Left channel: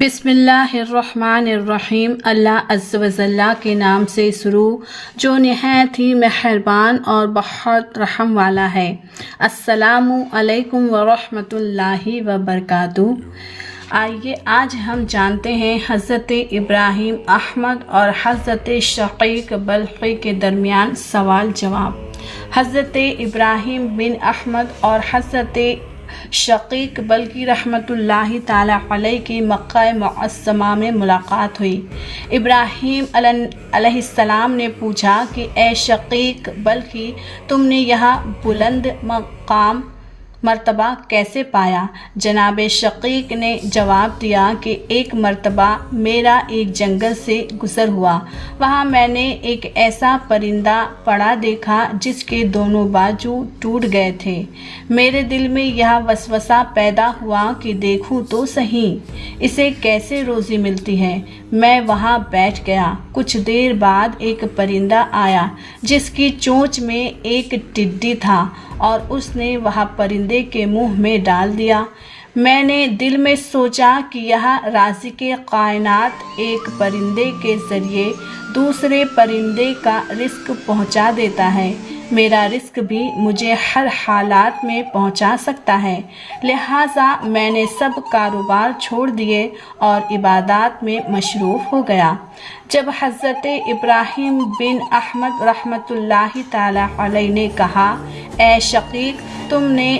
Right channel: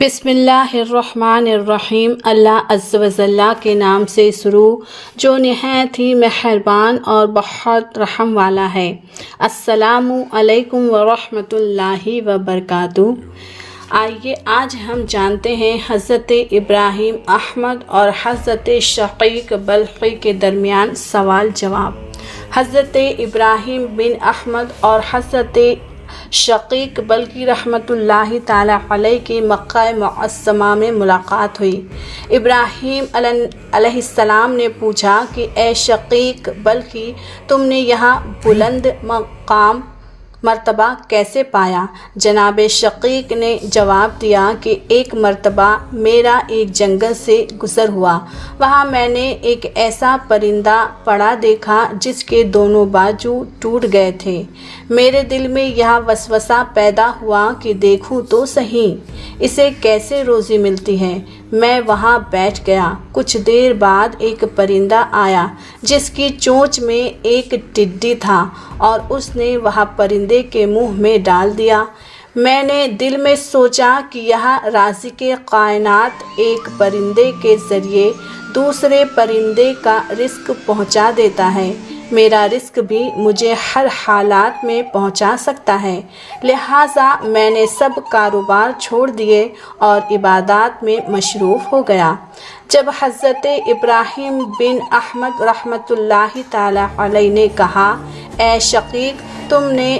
بسم اللہ الرحمن الرحیم۔ اللہ عز و جل کے نام سے شروع جو نہایت ہی مہربان اور بہت رحم والا ہے۔ السلام علیکم ورحمۃ اللہ وبرکاتہ۔ آئیے آج ہم جانتے ہیں حضرت ابراہیم احمد اور حضرت شقیق بلخی کے درمیان سوال جواب۔ حضرت ابراہیم بن احمد اور حضرت شقیق بلخی رحمۃ اللہ تعالی علیہ کی مکہ معظمہ میں ملاقات ہوئی۔ ابراہیم علیہ السلام نے پوچھا کہ اے شقیق بلخی، تم نے یہاں بلند مقام مرتبہ کیسے پایا؟ جناب شقیق نے جواب دیا کہ ایک مرتبہ میرا ایک جنگل سے گزر ہوا، وہاں میں نے ایک ایسا پرندہ پڑا دیکھا جس کے دونوں بازو ٹوٹ گئے تھے۔ میرے دل میں یہ وسوسہ پیدا ہوا کہ دیکھوں تو صحیح اسے کیسے روزی ملتی ہے۔ میں وہاں بیٹھ گیا۔ کچھ دیر بعد ایک پرندہ آیا جس کی چونچ میں ایک ٹڈی تھا اور اس نے وہ پرندے کے منہ میں ڈال دیا۔ میں نے دل میں سوچا کہ یہ رازق کائنات ایک پرندے کے ذریعے دوسرے پرندے کا رزق پہنچا دیتا ہے، میرا رزق بھی مجھے ہر حالات میں پہنچا سکتا ہے، لہٰذا میں نے سب کاروبار چھوڑ دیے اور عبادات میں مصروف ہو گیا۔ جب حضرت ابراہیم بن احمد رحمۃ اللہ تعالی علیہ نے کہا، اے شقیق، تم نے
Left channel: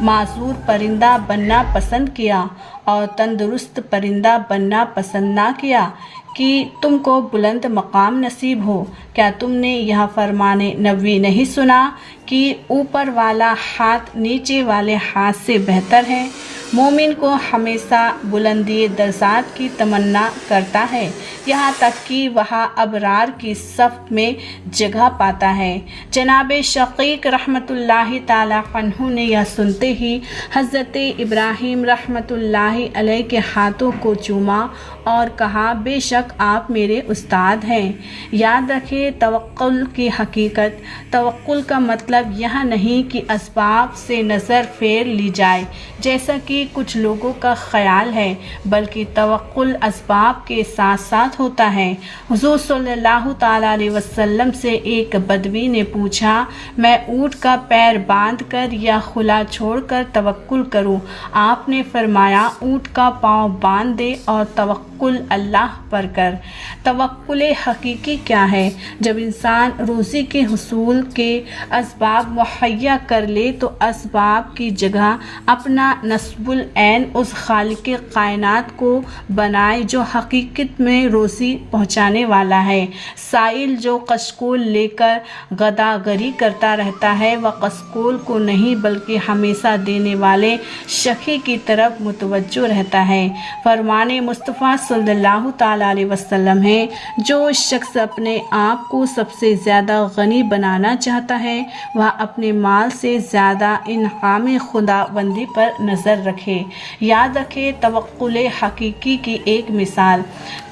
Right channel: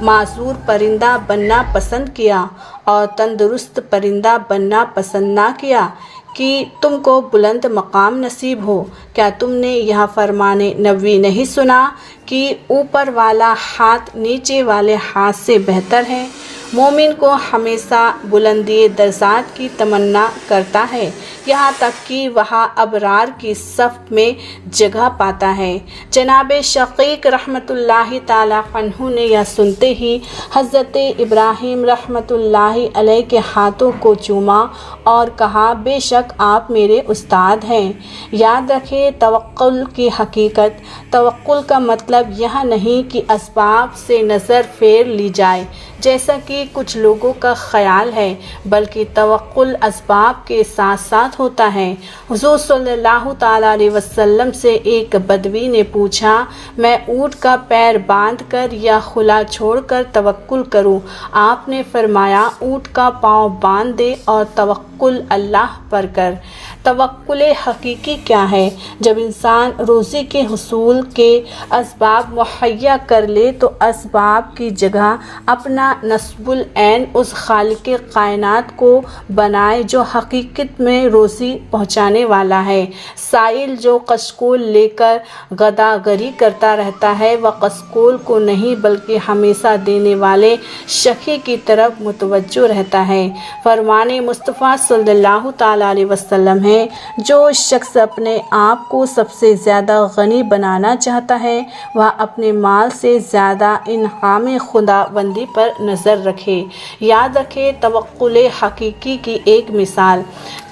معذور پرندہ بننا پسند کیا اور تندرست پرندہ بننا پسند نہ کیا کہ تم کو بلند مقام نصیب ہو، کیا تم نے یہ فرمان نبوی نہیں سنا کہ اوپر والا ہاتھ نیچے والے ہاتھ سے بہتر ہے؟ مومن کو ہمیشہ بلندی درجات کی تمنا کرتا ہے، یہاں تک کہ وہ ابرار کی صف میں جگہ پاتا ہے۔ جناب شقیق رحمۃ اللہ تعالی عنہ نے یہ سنتے ہی حضرت ابراہیم رحمۃ اللہ علیہ کے ہاتھوں کو چوما اور کہا، بے شک آپ میرے استاد ہیں۔ یاد رکھیں توکل کی حقیقت۔ توکل کا مطلب یہ نہیں کہ اسباب سے نظر پھیر لی جائے جیسا کہ کچھ لوگوں کا خیال ہے، بلکہ توکل اسباب کے ساتھ ساتھ ہوتا ہے۔ حضور صلی اللہ تعالی علیہ وسلم سے ایک بدوی نے پوچھا، میں اونٹ کا پیر باندھ کر یا کھلا چھوڑ کر توکل کروں؟ آپ نے فرمایا، اونٹ کا پاؤں باندھ دے اور توکل اللہ پر کر۔ توکل حقیقی کیا ہے؟ جب انسان روزی کے حصول کے اسباب مہیا کر لے تو اسباب کی جگہ اپنا نصب العین اس خالق کائنات کو بنائے جو حقیقت میں روزی پہنچانے والا ہے۔ سائل جو کشکول لے کر گداگری کرتا رہتا ہے، وہ کشکول کو نہیں بلکہ ہمیشہ دینے والے شقی کی طرف متوجہ رہتا ہے۔ فرمان مصطفیٰ صلی اللہ تعالی علیہ وسلم ہے، جو شخص اپنے آپ کو سب سے زیادہ غنی بنانا چاہتا ہے وہ اپنے مال سے زیادہ انعام خداوندی پر نظر رکھے۔ یاد رکھے توکل حقیقی کی ایک مثال۔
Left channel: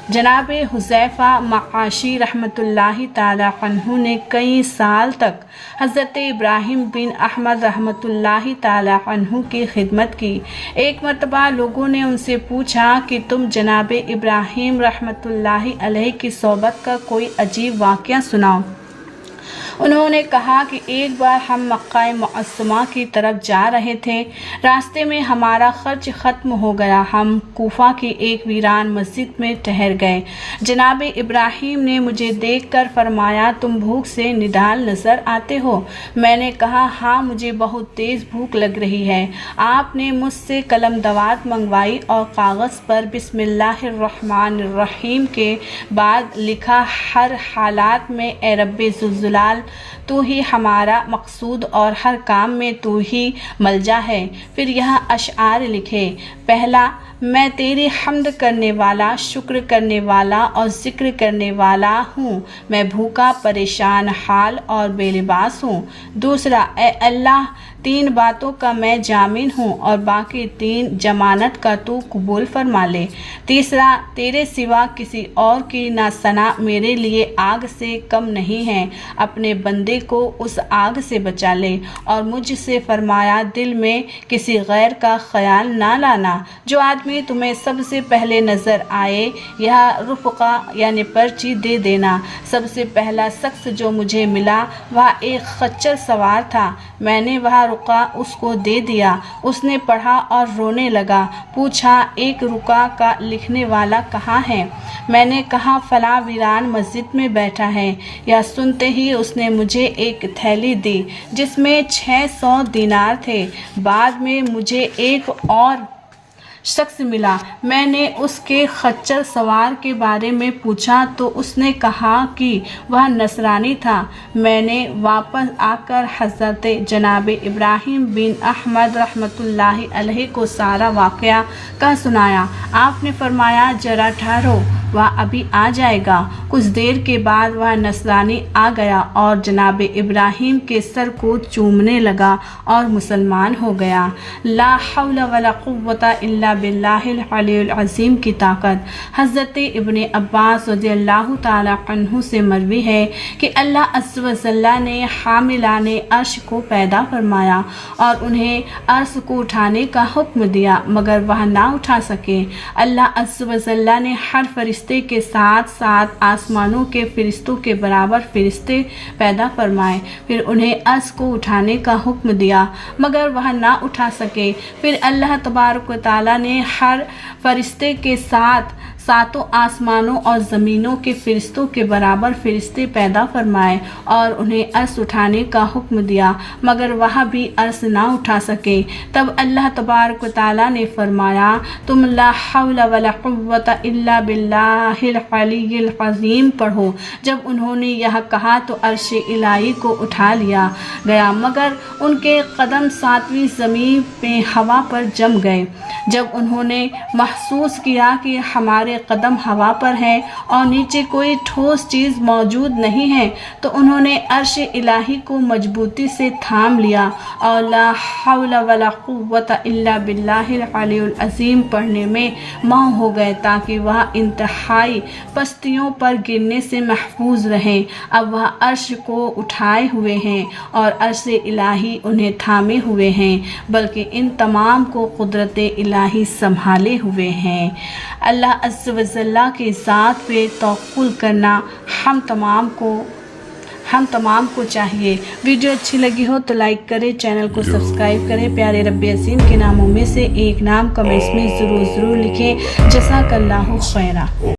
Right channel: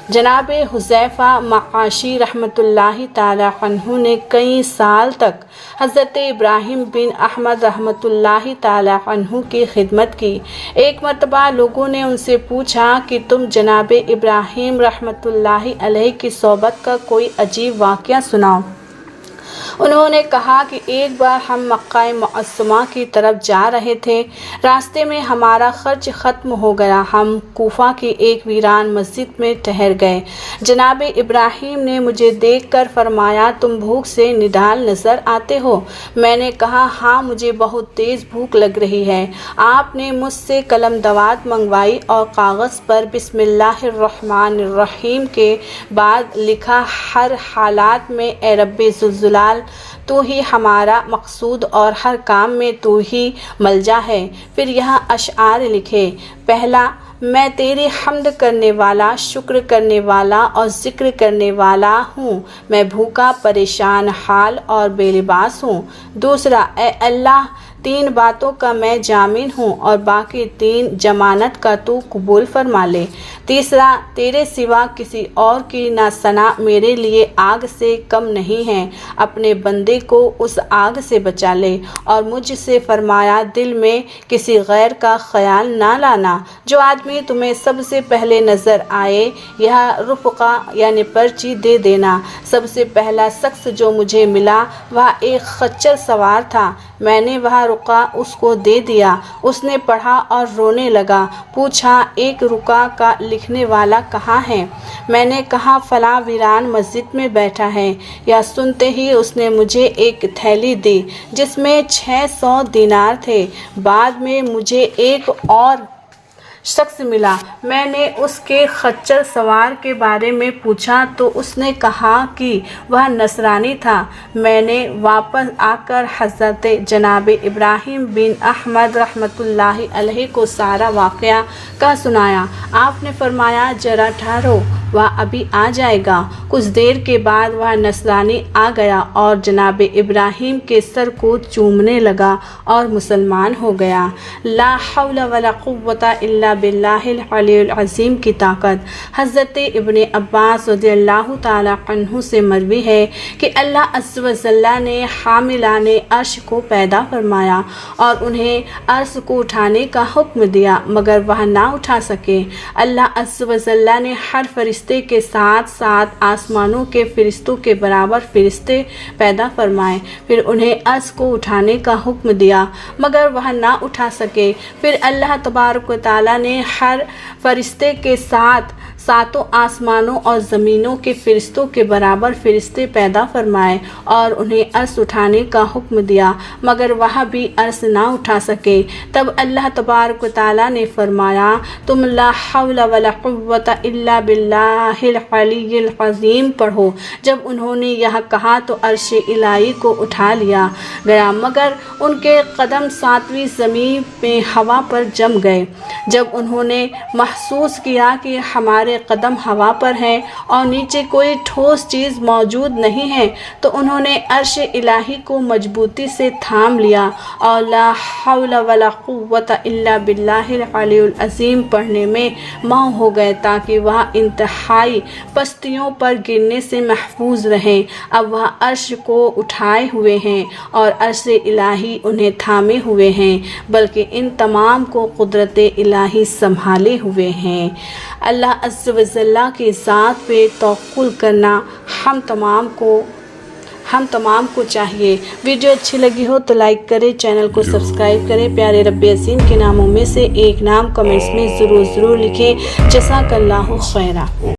جناب حذیفہ معاشی رحمۃ اللہ تعالی عنہ نے کئی سال تک حضرت ابراہیم بن احمد رحمۃ اللہ تعالی عنہ کی خدمت کی۔ ایک مرتبہ لوگوں نے ان سے پوچھا کہ تم جناب ابراہیم رحمۃ اللہ علیہ کی صحبت کا کوئی عجیب واقعہ سناؤ۔ انہوں نے کہا کہ ایک بار ہم مکہ معظمہ کی طرف جا رہے تھے، راستے میں ہمارا خرچ ختم ہو گیا، ہم کوفہ کی ایک ویران مسجد میں ٹھہر گئے۔ جناب ابراہیم نے مجھے دیکھ کر فرمایا، تم بھوک سے نڈال نظر آتے ہو؟ میں نے کہا، ہاں مجھے بہت تیز بھوک لگ رہی ہے۔ آپ نے مجھ سے قلم دوات منگوائی اور کاغذ پر بسم اللہ الرحمن الرحیم کے بعد لکھا، ہر حالات میں اے رب ذوالجلال تو ہی ہمارا مقصود اور ہر کام میں تو ہی ملجا ہے۔ پھر یہاں اشعار لکھے، پہلا، میں تیری حمد کرنے والا، شکر کرنے والا اور ذکر کرنے والا ہوں، میں بھوکا، پریشان حال اور بے لباس ہوں۔ دوسرا، اے اللہ 3 باتوں کا میں جامن ہوں اور باقی 3 ضمانت کا تو قبول فرما لے۔ تیسرا، تیرے سوا کسی اور کی نہ ثنا میرے لیے آگ سے کم نہیں ہے، اپنے بندے کو اس آگ سے بچا لے، اور مجھ سے فرمایا دل میں کسی غیر کا خیال نہ لانا۔ جو آدمی تمہیں سب سے پہلے نظر آئے یہ رفقہ یعنی پرچی دے دینا۔ سب سے پہلا شخص جو مجھے ملا وہ ایک خچر سوار تھا، میں نے وہ رقعہ اس کو دے دیا۔ اس نے پڑھا اور رونے لگا، پوچھا ایک رقعہ کا لکھنے والا کہاں ہے؟ میں نے کہا فلاں ویران مسجد میں بیٹھا ہے۔ یا سنتے ہی اس نے مجھے ایک تھیلی دی جس میں 600 دینار تھے۔ بعد میں مجھے ایک اور شخص ملا، میں نے اس کے خچر سوار کے بارے میں پوچھا تو اس نے کہا کہ وہ نصرانی تھا۔ میں نے واپس آ کر حضرت جناب ابراہیم بن احمد رحمۃ اللہ علیہ کو سارا واقعہ کا سنایا۔ آپ نے فرمایا ذرا ٹھہرو، وہ ابھی آ جائے گا۔ کچھ دیر کے بعد وہ نصرانی آ گیا اور جناب ابراہیم کے سر کو چومنے لگا اور مسلمان ہو گیا۔ لا حول ولا قوت الا باللہ العلی العظیم کی طاقت۔ حضرت ابن عباس رضی اللہ تعالی عنہ سے مروی ہے کہ اللہ عز و جل نے حاملان عرش کو پیدا فرمایا اور انہیں عرش کو اٹھانے کا حکم دیا مگر وہ نہ اٹھا سکے۔ اللہ عز و جل نے ہر فرشتے کے ساتھ ساتھ آسمانوں کے فرشتوں کے برابر فرشتے پیدا فرمائے، پھر انہیں عرش کو اٹھانے کا حکم دیا مگر وہ نہ اٹھا سکے۔ پھر اللہ تبارک و تعالی نے ہر فرشتے کے ساتھ ساتوں آسمانوں اور زمینوں کے فرشتوں کے برابر فرشتے پیدا فرمائے اور انہیں عرش اٹھانے کا حکم دیا مگر وہ بھی عرش نہ اٹھا سکے۔ تب اللہ تبارک و تعالی نے فرمایا تم لا حول ولا قوت الا باللہ العلی العظیم پڑھو۔ جب انہوں نے یہ کہا تو عرش الہی کو اٹھا لیا گیا مگر ان کے قدم 7ویں زمین میں ہوا پر جم گئے۔ جب انہوں نے محسوس کیا کہ ہمارے قدم ہوا پر ہیں اور نیچے کوئی ٹھوس چیز موجود نہیں ہے تو انہوں نے عرش الہی کو مضبوطی سے تھام لیا اور لا حول ولا قوت الا باللہ العلی العظیم پڑھنے میں مہو ہو گئے تاکہ وہ انتہائی پستیوں پر گرنے سے محفوظ رہیں۔ اب وہ عرش کو اٹھائے ہوئے ہیں اور عرش الہی انہیں تھامے ہوئے ہیں بلکہ ان تمام کو قدرت الہی سنبھالے ہوئے ہیں۔ اللہ عز و جل کی ذات پہ توکل کرنا ہم تمام کو چاہیے۔ ویڈیو اچھی لگی ہو تو لائک کریں، چینل کو سبسکرائب کریں، پیارے رب عظیم کے ناموں میں سے ایک نام کمنٹس میں ضرور لکھیں۔ جزاک اللہ خیرہ۔